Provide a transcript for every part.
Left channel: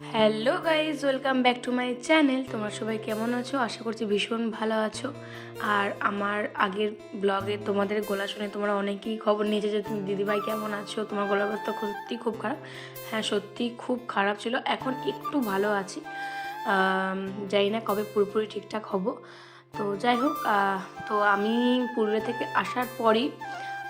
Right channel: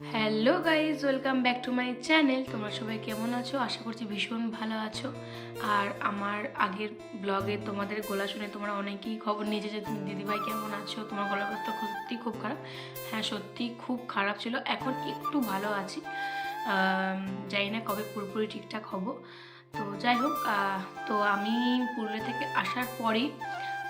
Hello guys welcome back to my channel তোমরা সবাই কেমন আছো? আশা করছি ভীষণ ভালো আছো। আর আমার আগের ব্লগে তোমাদের গলা শুনে তোমরা অনেকেই খবর নিয়েছে যে তুমি দিদিভাই কেমন আছো? তোমার গলার অবস্থা সত্যি খুব খারাপ। হ্যাঁ সত্যি খুব খারাপ ছিল। এখন একটু ভালো আছি। জানি না কবে পুরোপুরি ঠিকঠাক হব। তো যাই হোক তো আমি পুরুলিয়া থেকে আসার পরই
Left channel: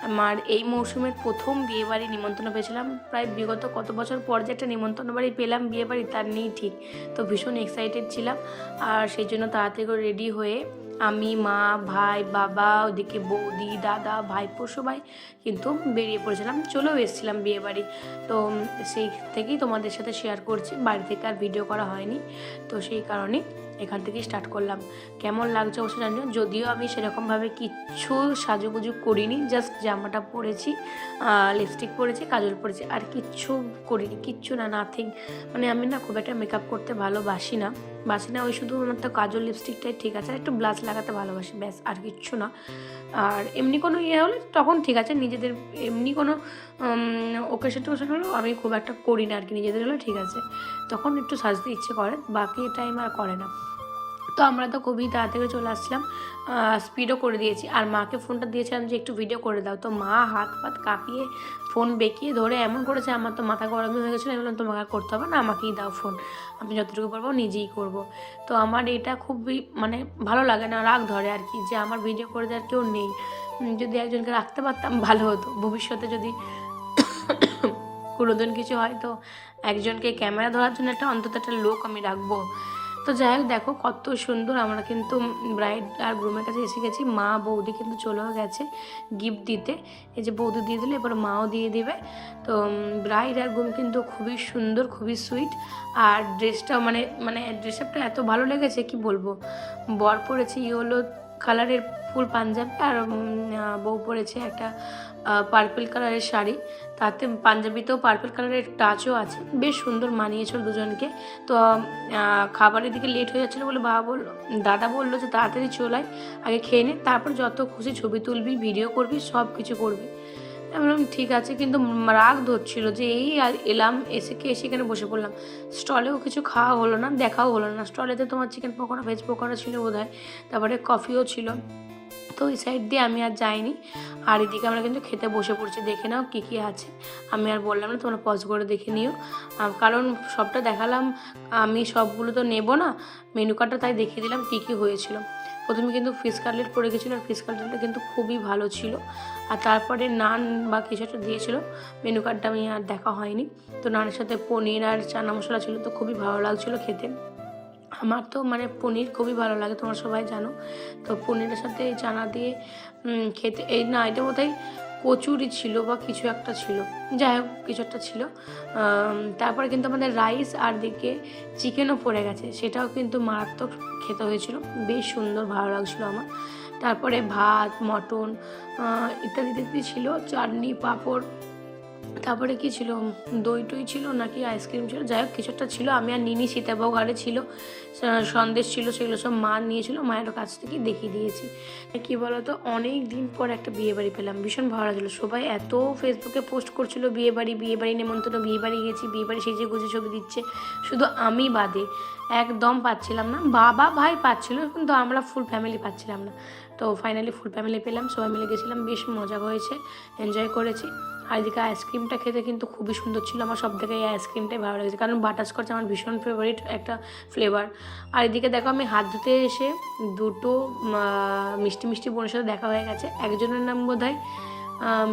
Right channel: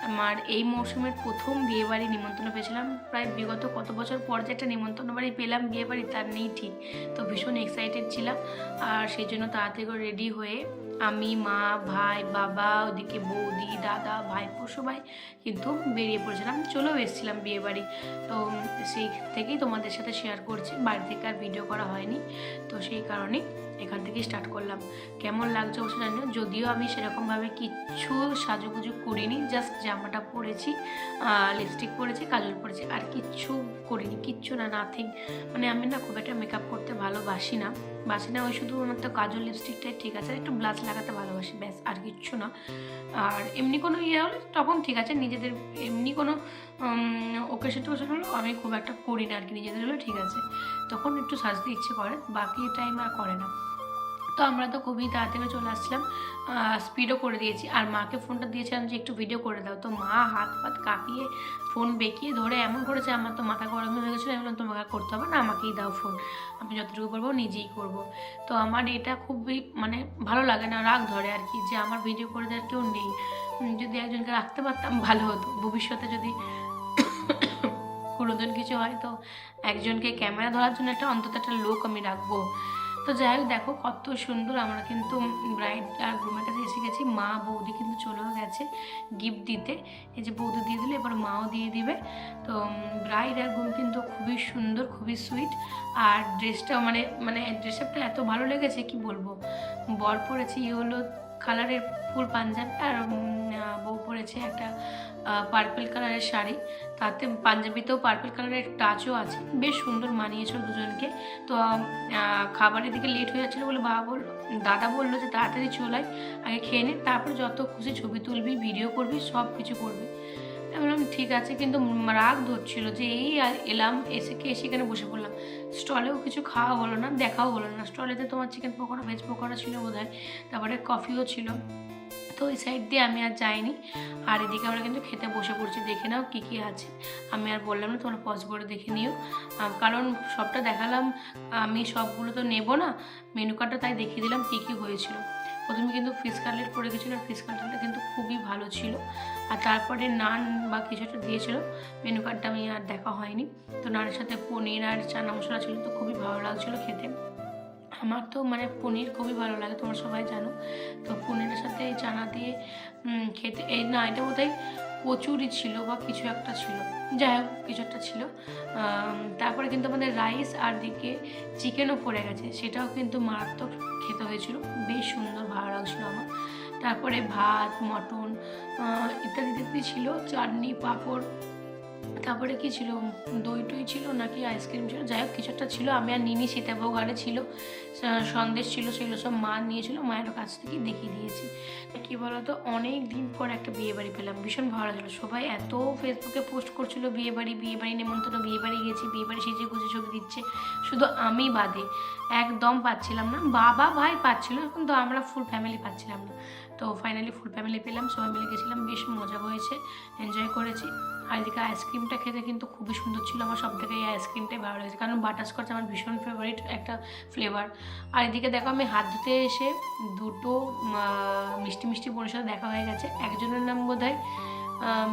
আমার এই মৌসুমের প্রথম বিয়েবাড়ি নিমন্ত্রণ পেয়েছিলাম। প্রায় বিগত কত বছর পর যে একটা নিমন্ত্রণ বাড়ি পেলাম, বিয়েবাড়ি তার নেই ঠিক। তো ভীষণ এক্সাইটেড ছিলাম আর সেই জন্য তাড়াতাড়ি করে রেডি হয়ে আমি, মা, ভাই, বাবা, ওদিকে বৌদি, দাদা, ভাইপো সবাই কিন্তু বেরিয়ে পড়েছিলাম। চলেও এসেছিলাম বিয়েবাড়ি। তো সেই থেকেই তোমাদের সাথে শেয়ার করছি। বাড়ি থেকে আর ভিডিও করা হয়নি। তো সেই কারণে এখান থেকেই স্টার্ট করলাম। কেমন লাগছে অবশ্য জানি যদিও আমি সেরকমভাবে কিচ্ছু সাজুগুজু করিনি জাস্ট জামাটা পরেছি লিপস্টিক পরেছি, কাজল পরেছি, আর কিচ্ছু করিনি, কিচ্ছু না নাথিং মানে আমি না খুব একটা মেকআপ করতে ভালোবাসি না। বাসি না ওই শুধু ওনার তো কাজল লিপস্টিকটাই ঠিক আছে, একটু ব্লাশ লাগাতে ভালোবাসি, ব্যাস, আর কিচ্ছু না। আর এমনি কোনো ইয়ে হলে তখন ঠিক আছে, নিজেদের এমনি কোনো ওকেশন টোকেশন হলেও আমি খুব একটা করি না আর কি, নিজেদের হলেও ঠিক আছে। তখন একটু সাজতে ইচ্ছে করে, বাকি টাইম আর করে না। তো আমরা তো খুবই তাড়াতাড়ি চলে আসছিলাম স্পিডও করে দিয়েছি। আর মাকে ফোনটা দিয়েছিলাম যে একটু ভিডিও করে দাও। তো মা হাত ফাত কাঁপিয়ে ফোন বেঁকিয়ে ধরে এমন করেছে, আমার তো মাথা গরম হয়ে গেছিল বললাম, তোমাকে করতে হবে না, আমাকেই দাও ফোন আমি যতটুকু পারব নিজেই করব। তো আমার এটা খুবই মানে ভালো লাগে না, রাগ ধরে আর কি, যে আমার ভিডিও করে দেওয়ার কেউ নেই। যদি একজনকে রাখতে পারতাম ভালো হতো। ভবিষ্যতে যদি কোনোদিন কিছু হয়, তো একজনকে ক্যামেরা ধরার জন্য একটা অন্তত একটা লোক আমি রাখব। তো যাই হোক, দেখো কত সুন্দর আমরা কিন্তু ব্রাইড আর গ্রুমের কাছে এসে গেছি। মা বৌদি কিন্তু চলেও গেছে গিফট দিতে। এই যে বৌদি দিয়ে দিলে, এবার মাও দিয়ে দিবে। তো ব্রাইড আর গ্রুম কিন্তু খুবই সুন্দর, খুবই সুইট আর ড্রেসটা মানে মানে ড্রেসটা এত ভালো লেগেছে, কি বলব? বর পড়েছি ইয়েলো কালারের ফুল পাঞ্জাবি আর বউ পরেছে একটা পার্পল কালারের শাড়ি। তাতে পাঞ্জাবিতেও পার্পল কালারের টাচও আছে। বেশ সুন্দর মানিয়েছিল দুজনকে। তো খাবারের দিকে লেট হয়ে যাচ্ছিল বলে বাবা বলল দাদা বলল যে তাড়াতাড়ি চলাই আগে খেয়ে নে, তারপর যত খুশি ছবি তুলবি ভিডিও করবি সব কিছু করবি। আমি বললাম, ঠিক আছে। কিন্তু রাগ ধরছিল যে, এই এলাম, এসে কে এসে এখানে বসে পড়লাম? স্টলেও কিছু খাওয়া হলো না, দেখাও হলো না। স্টলেতে তোমার চিকেন পকোড়া ভেজ পকোড়া ছিল বোধ হয় তারপরে কফিও ছিল। তো ওই সাইড দিয়ে আমি আর যাইনি। আর এদিকে আমরা কিন্তু খেতে বসে পড়ছি, দেখে নাও কী কী আছে। আমি আর বললাম না, তোমরা পজ করে দেখে নিও। কারণ সবটা দেখালাম, আমি সবগুলো তো নেব না। মেনু কার্ডটা তাই দেখিয়ে দিলাম কী কী হয়েছিল। প্রথমে কিন্তু ফিশ কাটলেট করে গেছিল, আর ফিশ কাটলেটটা কিন্তু খুবই ভালো ছিল। আর তারপরে নান বা কিছু একটা দিয়েছিলো মেনু কার্ডটা আমি আর দেখা হয়নি। তো নানের সাথে পনির আর চানা মশলা ছিল, তো খুবই ভালো লাগছিল খেতে। আমার তো মানে পনির খুবই ভালো লাগে, তোমরা সবাই জানো। তো পনিরের সাথে চানা দিয়ে খেতে, এই না, এটা বোধহয় কচুরি ছিল বা কিছু একটা ছিল। যাই হোক, কিছু একটা ছিল। তারপরে কিন্তু আমাদের রাইস আর দিকে চিকেনও পড়ে গেছে। সেটাও কিন্তু মারাত্মক খেতে হয়েছিল। বেশ সুন্দর, ভালো লাগছিল আমার। তারপরে ভাত, মটন ইত্যাদি ইত্যাদি ছিল। চাটনি, পাঁপড় তারপরে কি ছিল? দই টই ছিল নাকি আইসক্রিম ছিল? যাই হোক, কিছু একটা ছিল। আমি আর নিনি সীতাবাবু ঘরে ছিল। সন্দেশ ছিল, সেগুলো সব মা নিয়েছিল। মায়ের কাছ থেকে দেখিয়ে দিয়েছি। কি বলতো? অনেক দিন পর একটা বিয়ে বাড়ি পেলাম। ভীষণ ভালো লাগল। সবাই এত ফেসবুকে পোস্ট করছিল বিয়ে বাড়ি বিয়ে বাড়ি নেমন্তন্ন বিয়ে বাড়ি গেছি বিয়ে বাড়ি সেজে গুজে ছবি দিচ্ছে। শুধু আমি বাদে একদম পাচ্ছিলাম না। বাবা, ভাই পাচ্ছিল কিন্তু আমরা ফুল ফ্যামিলি পাচ্ছিলাম না। তো ফাইনালি ফুল ফ্যামিলি পেলাম। সবাই মিলে গেছিলাম। বেশ মজা হয়েছে। এনজয় করেছি। আর এদিকে আইসক্রিমটা খেতে কিন্তু খুবই সুন্দর ছিল। আমার সব থেকে এই আইসক্রিমটাই ভালো লেগেছে। কারণ বাটারস্কচ আমার ভীষণ ফেভারিট একটা ফ্লেভার আর এদিকে দেখো, আমি হাত ধুতে এসে দুটো মিষ্টি মিষ্টি বোনের সাথে দেখা হয়ে গেছে। একজনের নাম বোধ হয়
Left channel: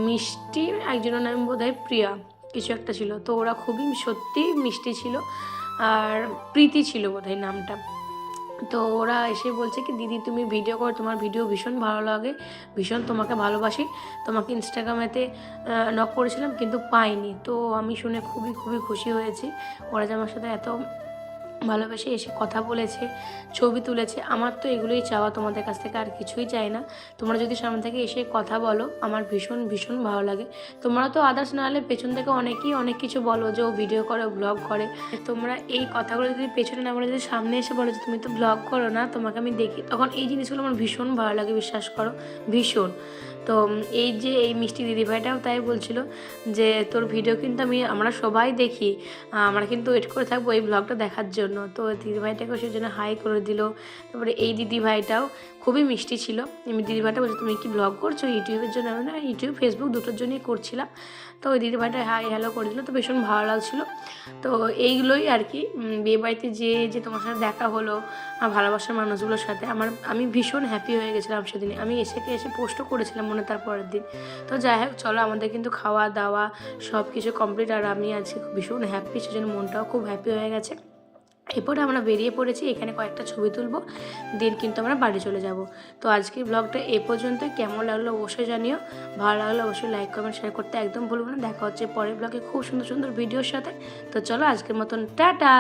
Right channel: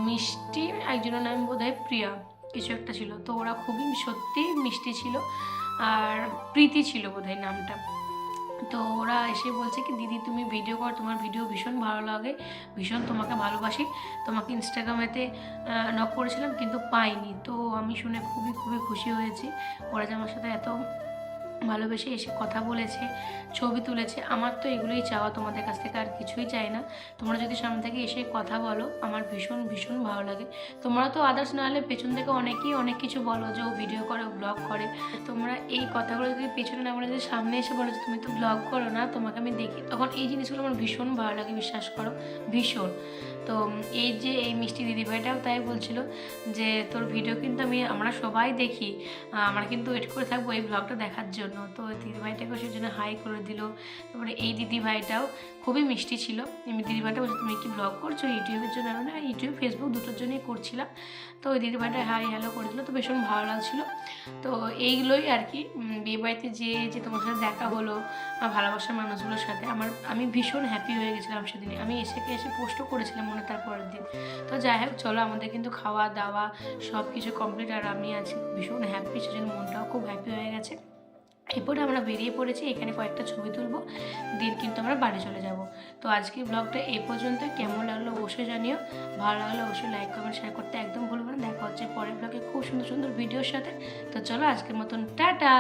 মিষ্টি একজনের নাম বোধ হয় প্রিয়া। কিছু একটা ছিল। তো ওরা খুবই সত্যিই মিষ্টি ছিল। আর প্রীতি ছিল বোধ নামটা। তো ওরা এসে বলছে কি, দিদি, তুমি ভিডিও কর, তোমার ভিডিও ভীষণ ভালো লাগে, ভীষণ তোমাকে ভালোবাসি। তোমাকে ইনস্টাগ্রামেতে নক করেছিলাম কিন্তু পাইনি। তো আমি শুনে খুবই খুবই খুশি হয়েছি। ওরা যে আমার সাথে এত ভালোবেসে এসে কথা বলেছে, ছবি তুলেছে, আমার তো এগুলোই চাওয়া, তোমাদের কাছ থেকে আর কিছুই চাই না। তোমরা যদি সামনে থেকে এসে কথা বলো, আমার ভীষণ ভীষণ ভালো লাগে। তোমরা তো আদার্স না হলে পেছন থেকে অনেকেই অনেক কিছু বলো যে ও ভিডিও করে ব্লগ করে। তোমরা এই কথাগুলো যদি পেছনে না বলে, যদি সামনে এসে বলো যে তুমি তো ব্লগ করো না, তোমাকে আমি দেখি, তখন এই জিনিসগুলো আমার ভীষণ ভালো লাগে, বিশ্বাস করো, ভীষণ। তো এই যে এই মিষ্টি দিদিভাইটাও তাই বলছিল যে, তোর ভিডিও কিন্তু আমি, আমরা সবাই দেখি। আমরা কিন্তু ওয়েট করে থাকব এই ব্লগটা দেখার জন্য। তো দিদিভাইটাকে সেই জন্য হাই করে দিল। তারপরে এই দিদিভাইটাও খুবই মিষ্টি ছিল। আমি দিদিভাইটা বলছি, তুমি কি ব্লগ করছ ইউটিউবের জন্য? না ইউটিউব ফেসবুক দুটোর জন্যই করছিলাম। তো ওই দিদিভাইটা হাই হ্যালো করে দিল। তো ভীষণ ভালো লাগছিল। তো এইগুলোই আর কি। বিয়েবাড়িতে যে যে তোমার সাথে দেখা হলো ভালোবাসার মানুষগুলোর সাথে, আমার, আমি ভীষণ হ্যাপি হয়ে গেছিলাম সেদিন আমি এসে এসে পোস্টও করেছিলাম মনে তার পরের দিন। তো যাই হোক, চলো আমাদের কিন্তু খাওয়া দাওয়া সব কিছু কমপ্লিট আর আমি আছি ভীষণ হ্যাপি সেজন্য মনটাও খুব হ্যাপি হয়ে গেছে। এরপরে আমরা বেরিয়ে পড়েছি, এখানে কয়েকটা ছবি তুলবো দিন কিন্তু আমরা বাড়ি চলে যাব। তো আজকের ব্লগটা এ পর্যন্ত কেমন লাগল অবশ্যই জানিও, ভালো লাগল অবশ্যই লাইক কমেন্ট শেয়ার করতে একদম ভুলবো না। দেখা হচ্ছে পরের ব্লগে খুব সুন্দর সুন্দর ভিডিওর সাথে। তো চলো আজকের মতন, টাটা!